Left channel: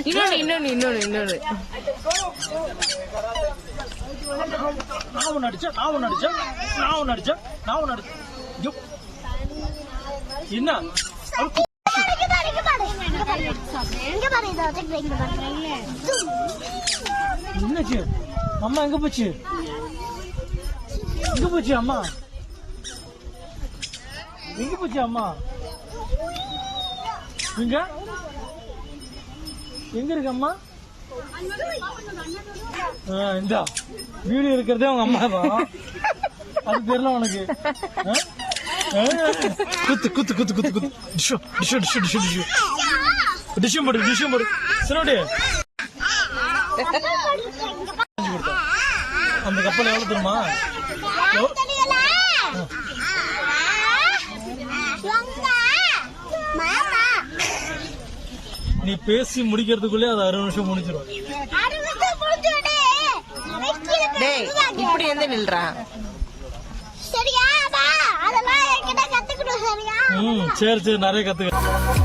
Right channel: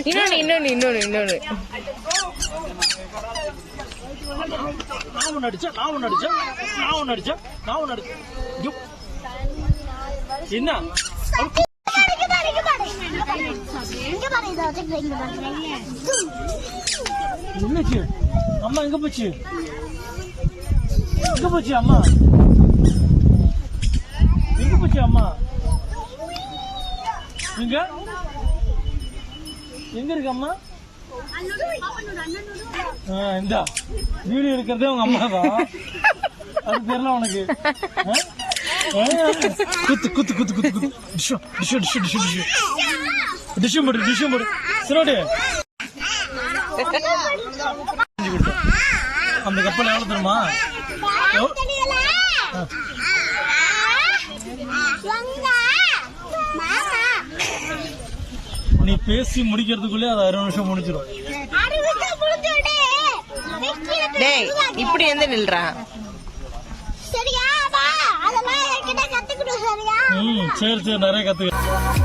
இன்னொன்னு என்ன அம்மா எங்க போச்சு அம்மா எங்க போச்சு அம்மா எங்க இருக்கு அம்மா இந்த வீடியோ இருக்கிறதே உங்க அம்மாவா அது தெரியல உனக்கு குத்து குத்து குத்து குத்து குத்து டிஷம் போடு சரி அந்த கப்பல் எவ்வளவு தெரியுமா நீ பேசி முடிக்கிறதுக்குள்ளே அது 6 நிமிஷம் முடிச்சிடும். டேய் இப்படி எந்த நில்றா சரியா? அதெல்லாம் என்கிட்ட கத்துக்கணும் சரியா? சரி நிறைய கத்துக்க.